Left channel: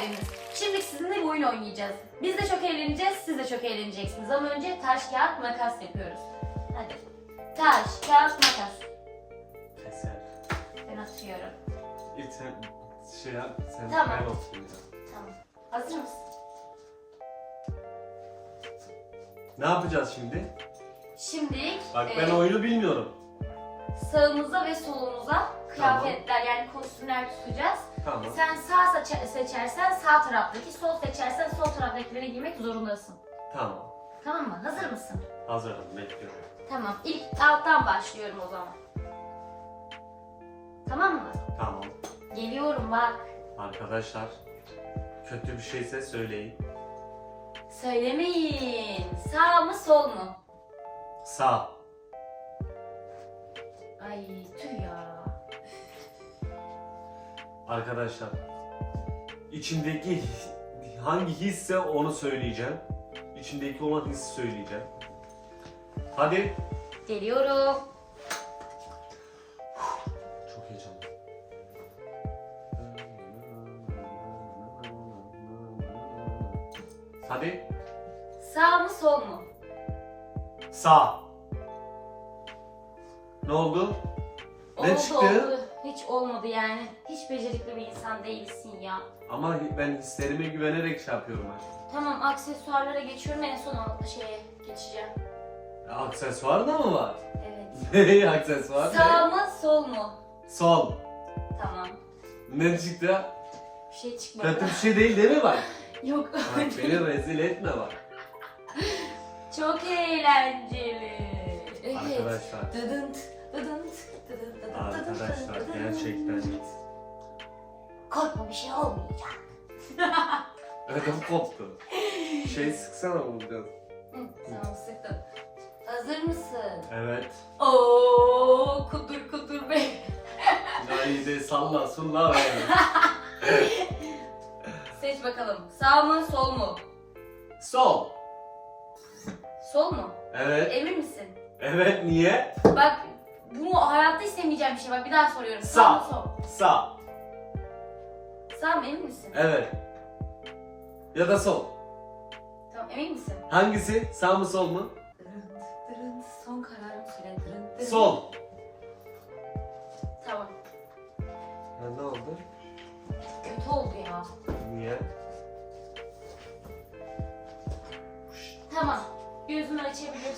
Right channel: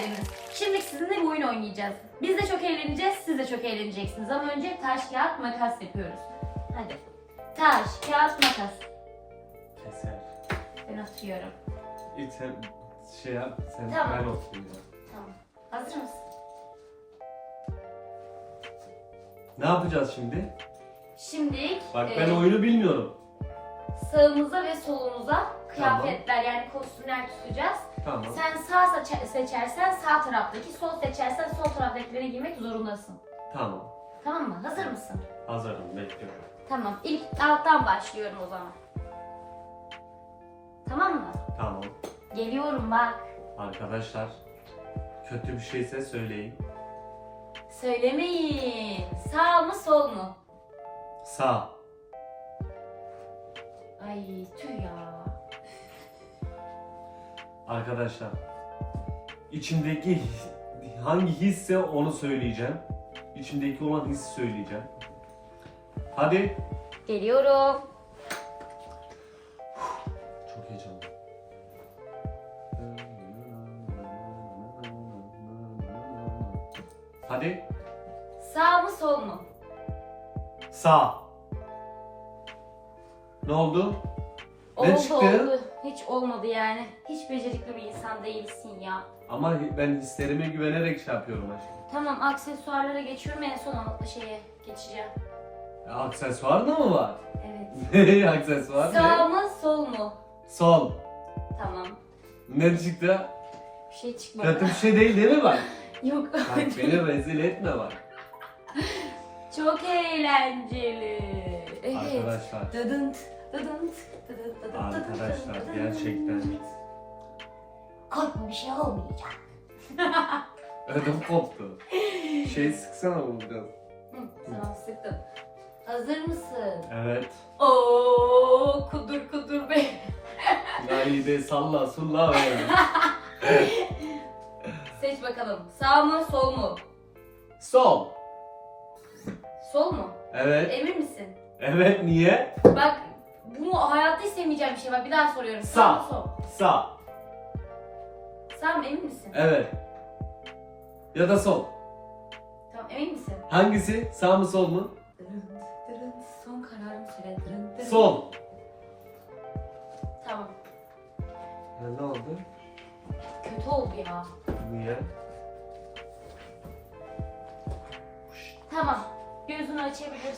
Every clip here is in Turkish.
geldiniz. Şimdi sizinle bir oyun oynayacağız. Biz de çok eğleneceğiz, siz de çok eğleneceksiniz. Ama önce taş, kağıt, makas yapıyoruz. Hadi. Taş, kağıt, makas. Keser. Ben atıyorum. İlk sen şey yap, sen Tamam. ben oturayım. Tamam. Hazır mısın? Ne yapacağız şimdi? Şimdi Bak e, ben oyunu bilmiyorum. sağımıza ve solumuza kıyafetler yani kostümler tutacağız. Tamam. Sen sağ seçe- seçersen sağ taraftaki, sol seçersen sol taraftakileri giymek zorundasın. Tamam. Tamam mı? Hazır mısın? Hazırım, bekliyorum. Tamam. İlk alttan başlıyorum o zaman. Tamam mı? Tamam. Geliyorum bak. Arkadaşlar, kötü bir şeyse söyleyin. Söylemeyin. Sağ mı sol mu? Sağ. Ay tüh ya. Arkadaşlar, içimdeki hangi hisse onu söyleyeceğim. İçimdeki olan hissi söyleyeceğim. Hadi. Geliyorum. Çok heyecanlı. Hadi. Sağ mı sol mu? Sağ. Ne oldu? Ne oldu çıktı? oldu. Hiç olmadı yani. Hiç becerikli bir insan değilsin ya. Ama ben hislerime güvenerek şey yapıyorum aşkım. Tamam aksesuarlara geçiyorum en son o şeye geçeceğim. E, Aksesuar da mı var? Evet. Aksesuar Sağ ne? mı sol mu? Sol. Tamam. Ne çıktı? Bir şey çıkmadı. Kötü bir şey değil değil mi bak? Yok. Bak beni rezil etme bak. Çok eğlenceli. Evet. Arkadaşlar. Dıdınt, Arkadaşlar gerçekten. Korkma bir şey olmayacak. ödüm koptu. Şey sıksana bunu biraz. Hı, tamam sıktım. Hazır mısın? Evet. Oo kudur kudur be. Naide salla sulla ver. Seç bakalım. Sağ mı sol mu? Sol. Sol mu? Evet. Emin misin? Evet niye? Bak bunu hayatta istemeyeceğim bir şey. Bak bir daha soruyorum. Sağ, Sağ. mı sol? Sağ. Sağ mı emin misin? Evet. Ya da sol. Tamam emin misin? Hangisi? Sağ mı sol mu? Son kararım süre. Sol. Tamam. ne oldu? Kötü oldu ya. Niye? Tamam. Gözünü açabilirsin.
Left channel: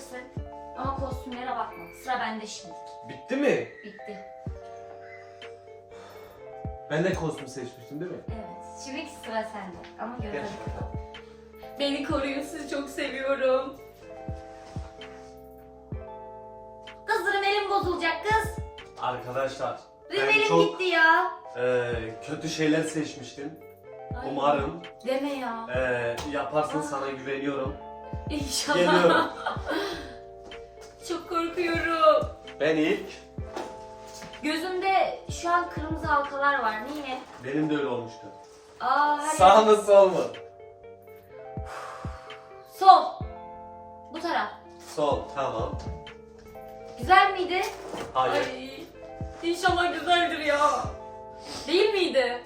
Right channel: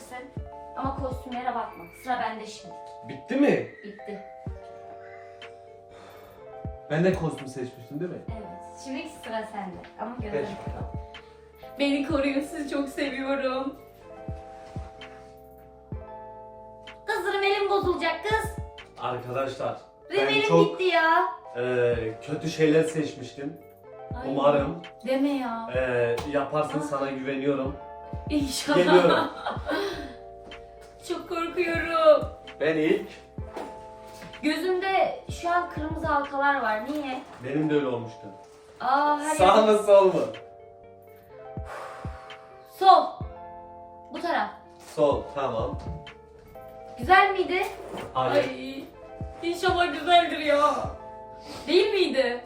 Ama kostümlere bakma. Sıra bende şimdi. Bitti mi? Bitti. Ben de kostüm seçmiştim değil mi? Evet. Şimdi sıra sende. Ama görelim. Beni koruyun. Sizi çok seviyorum. Kızlarım elim bozulacak kız. Arkadaşlar Benim ben elim çok gitti ya. e, kötü şeyler seçmiştim. Ay, Umarım Deme ya. e, yaparsın sana güveniyorum. İnşallah. Geliyorum. çok korkuyorum. Ben ilk. Gözümde şu an kırmızı halkalar var. Niye? Benim de öyle olmuştu. Aa, Sağ mı sol mu? Sol. Bu taraf. Sol. Tamam. Güzel miydi? Hayır. Ay, inşallah güzeldir ya. Değil miydi?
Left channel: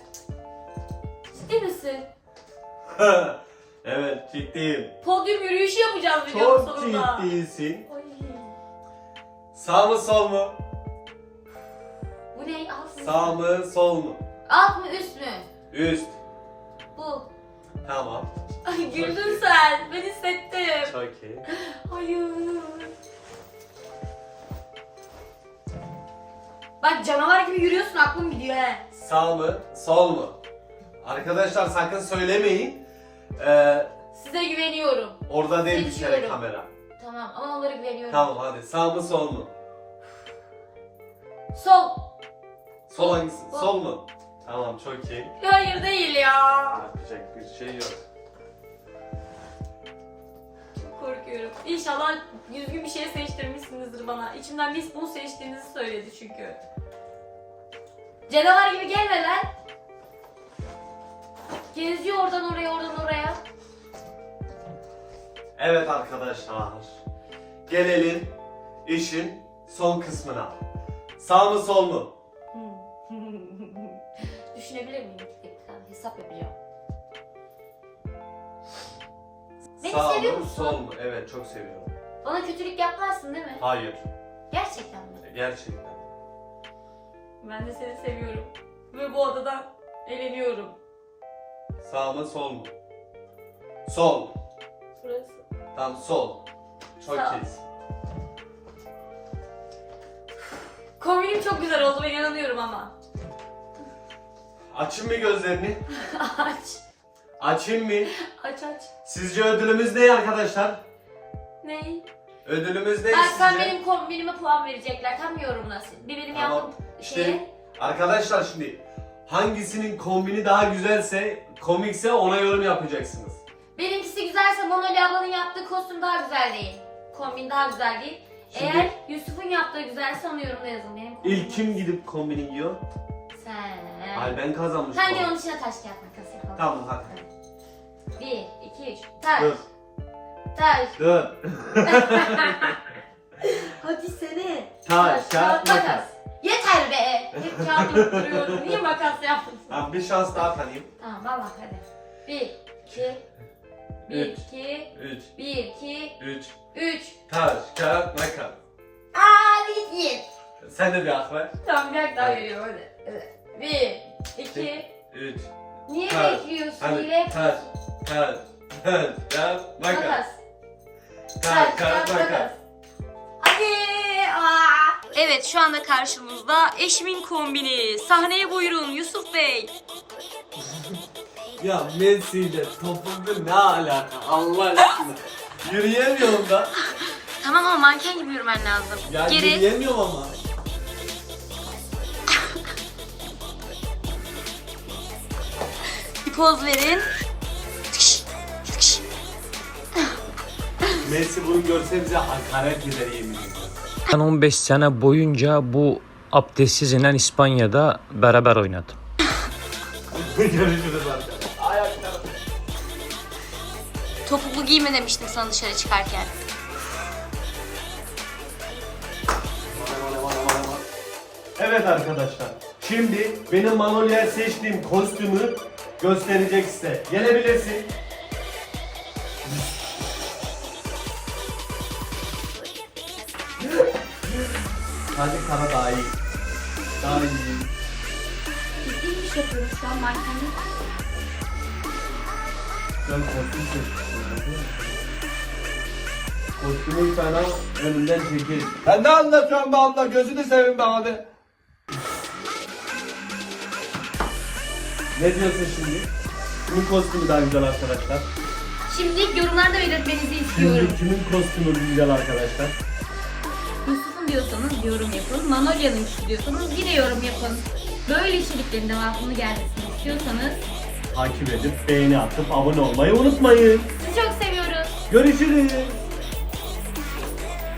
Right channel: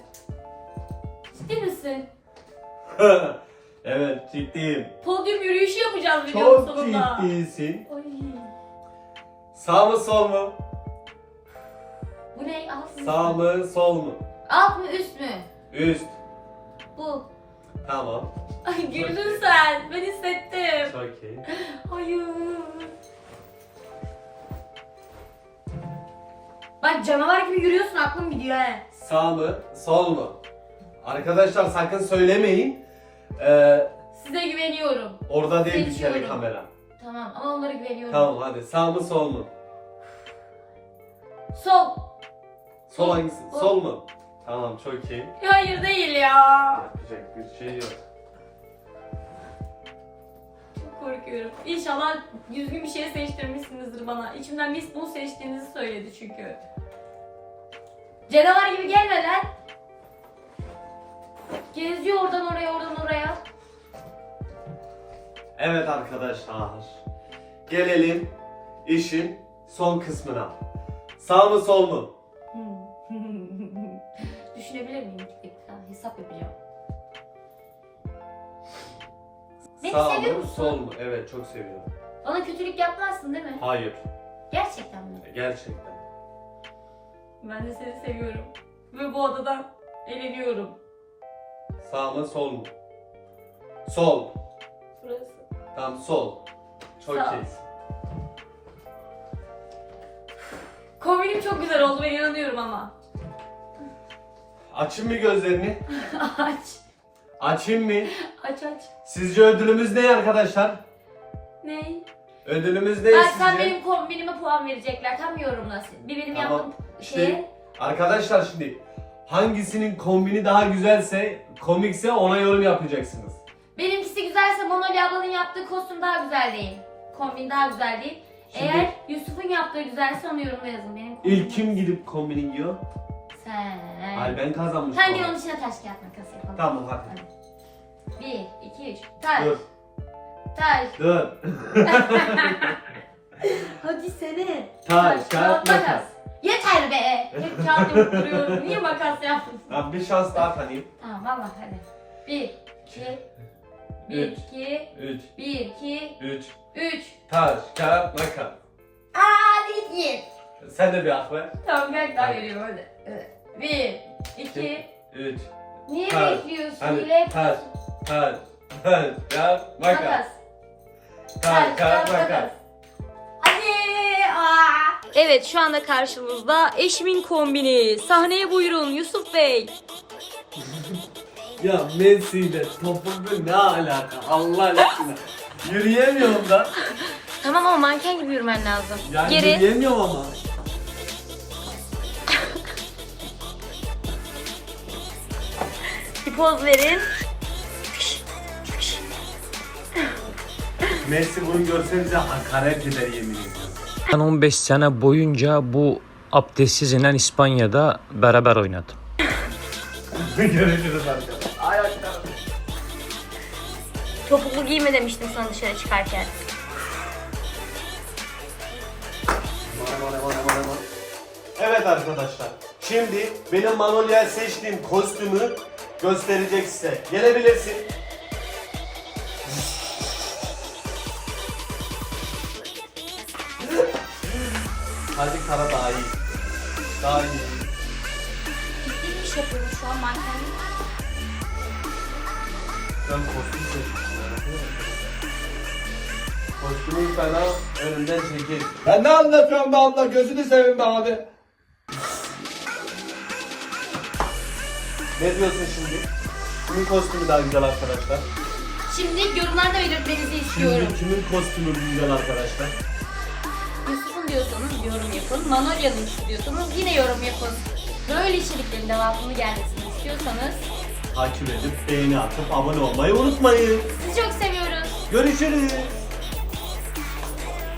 Ciddi misin? evet ciddiyim. Podyum yürüyüşü yapacağız videonun Çok sonunda. ciddisin. Ay, Sağ mı sol mu? bu ne? Alt mı? Sağ mı sol mu? Alt mı üst mü? Üst. Bu. Tamam. Ay güldün sen. Ben hissettim. Çok iyi. Hayır. Bak canavar gibi yürüyorsun aklım gidiyor he. Sağ mı sol mu? Arkadaşlar sakın söylemeyin. Ee, Size güveniyorum. orada değil bir kere Seçiyorum. kamera. Tamam ama onlara güveniyorum. Tamam hadi sağ mı sol mu? Sol. Sol hangisi? Sol. Sol mu? Tamam çok iyi. Hayır değil ya. Yapacak bir şey yok. Çok korkuyorum. İnşallah düzgün bir şey seçtirmişsinizdir bana. İçimden biz bunu seçtiğinizi söyledi çünkü. Canavar gibi gelme lan. Geziyor oradan oraya oradan oraya. Evet arkadaşlar. Gelelim işin son kısmına. Sağ mı sol mu? Hmm. Düşünebilir miyim? Dakika, Hesap yapacağım. Sağ mı sol mu? Evet çok seviyorum. Bana kötülük yapmazsın değil mi? Hayır. Gerçekten mi? Gerçekten. Ben de seni seviyorum. Ve bu adadan eğleniyorum. Sağ mı sol mu? Sol. Burası. Tam sol. Çok Sağ. Kombinim çok güzel oldu ben inanıyorum ama. Açın mı gözlerini? aç. Açayım mı? Aç aç. Sizce ödülümüz ne arkadaşlar? Ney? Ödülümüz ne Bak sizce? sen benim kombinime puan verecekler. Tam yorumlasın. Bir benim Tamam. yaptığım İşte şeye. arkadaşlar şimdi hangisinin kombini daha güzelse, komikse ona yorum yapacaksınız. Benimkisi güzelse Monoli ablanın yaptığı kostüm daha güzel değil. Kombin daha güzel değil. Şimdi- Eğer Yusuf'un yaptığı güzelse onu yorumda yazın. Benim. İlk kim gidip kombini giyiyor? Sen. Ay ben kazanmışım. Sen onun içine taş kağıt makas yapalım. Tamam hadi. Bir, iki, üç. Taş. Dur. Taş. Dur. Hadi sene. Taş, kağıt, makas. Yeter be. Hep kağıt yapıp. Niye makas yaptın? Tamam bir şans daha tanıyayım. Tamam valla hadi. Bir, iki, bir, Üç. iki, 3, bir, iki, 3. üç. Taş, kağıt, makas. Aa, değil. Sen de bir hak ver. Tamam bir daha veriyorum hadi. Evet. Bir, iki. 3. Niye Taş. bekliyorsun? Hadi Hile taş, taş, taş, kağıt, makas. makas. Taş, kağıt, makas. Hadi. Aa. Evet şu anda karşımızda eşimin kombini. Sahneye buyurun Yusuf Bey. Ya Messi ile topuklu ne alaka Allah aşkına. Yürüyemiyorum da. Tamam ama manken gibi yürümen lazım. Ya Geri. yürüyemiyorum ama. Bir poz verin. Messi bunu görse bize hakaret eder yemin ediyorum. Ben 15 sene boyunca bu abdestsiz inen İspanya'da beraber oynadım. Görüşürüz arkadaşlar. Topuklu giyme demiştim sana dışarı çıkarken. Evet arkadaşlar. Şimdi benim Manolia seçtiğim kostümü gösterecek size. Gelebilirsin. Hadi kara daha iyi. Daha iyi. Ciddi bir iş yapıyorum şu an mankenlik. Sen kostüm seçmişsin. Kostümü sana önünden çekeriz. Ben ne anlatıyorum be abla gözünü seveyim be abi. Ne diyorsun şimdi? Kimin kostümü daha güzel arkadaşlar? Şimdi yorumlarda belirtmenizi istiyorum. Şimdi kimin kostümü güzel arkadaşlar? Yusuf'un diyorsanız yorum yapın. Manolya'nın diyorsanız yine yorum yapın. Böyle içeriklerin devamını gelmesini istiyorsanız Takip edip beğeni atıp abone olmayı unutmayın. sizi çok seviyoruz. Görüşürüz.